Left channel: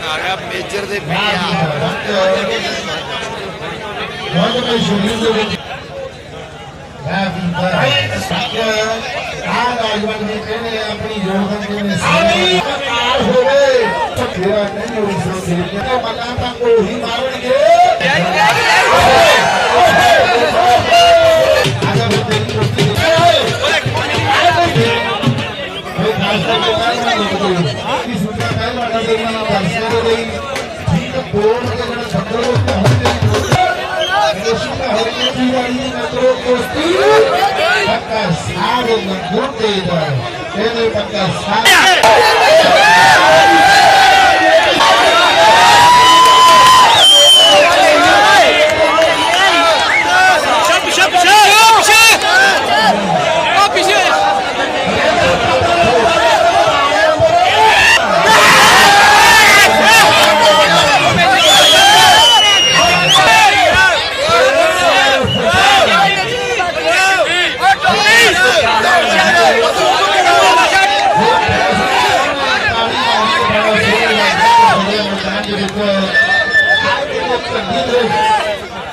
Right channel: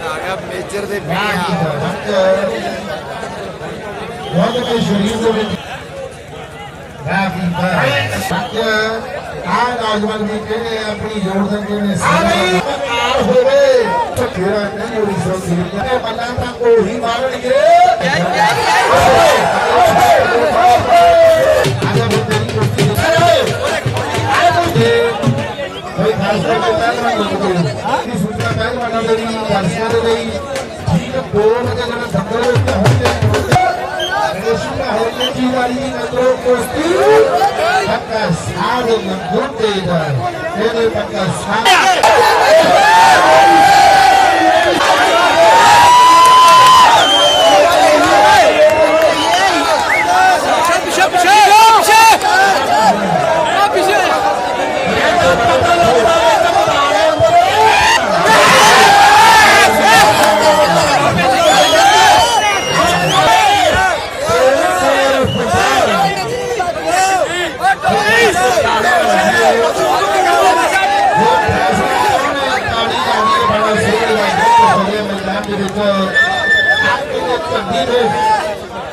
ਆ ਗਿਆ ਮੇਜਰ ਦੇ ਨੌਜਵਾਨ ਵੀ ਕਹਿੰਦੇ ਆਪਣੀ ਯੋਗਦਾਨ ਦੇਣੇ ਹੋਵੇ ਤੇਰਾ ਨਹੀਂ ਹੋਈ ਸੋਚੀ ਮੱਲਾਂ ਤਾਂ ਉਹੀ ਮਾਰਨਗੇ ਆਜਾ ਮੇਰੀ ਕੁਰਸੀ ਤੇ ਆਏ ਬੰਦੇ ਕੋਈ ਖਾਲਸਾ ਦੇ ਨਾਲ ਨਾ ਮੁੱਕਦੇ ਕਿ ਸੁਣਨਾ ਪਹਿਲਵਾਨਾਂ ਦੇ ਵੀ ਦਰਸ਼ਕਾਂ ਦੇ ਲਈ ਠੀਕ ਗੋਲ ਦੇ ਜਿਹੜਾ ਬੰਦੇ ਹੋਣਗੇ Yeşil hareketi ileride metro koştu. Fakat sağlıklı buradaydı. Yine fakat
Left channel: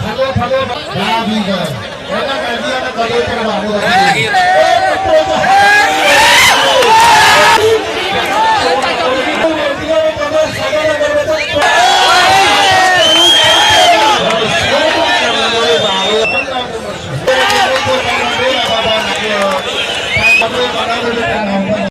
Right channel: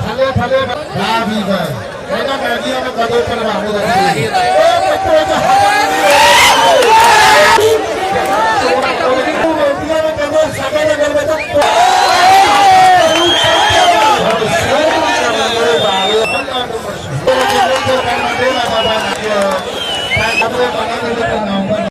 ਥੱਲੇ ਥੱਲੇ ਬਾ ਵੀ ਗਏ ਉਹਨਾਂ ਕਰਦੀਆਂ ਨੇ ਕਦੇ ਕਰਵਾਣੇ ਰੱਖੀ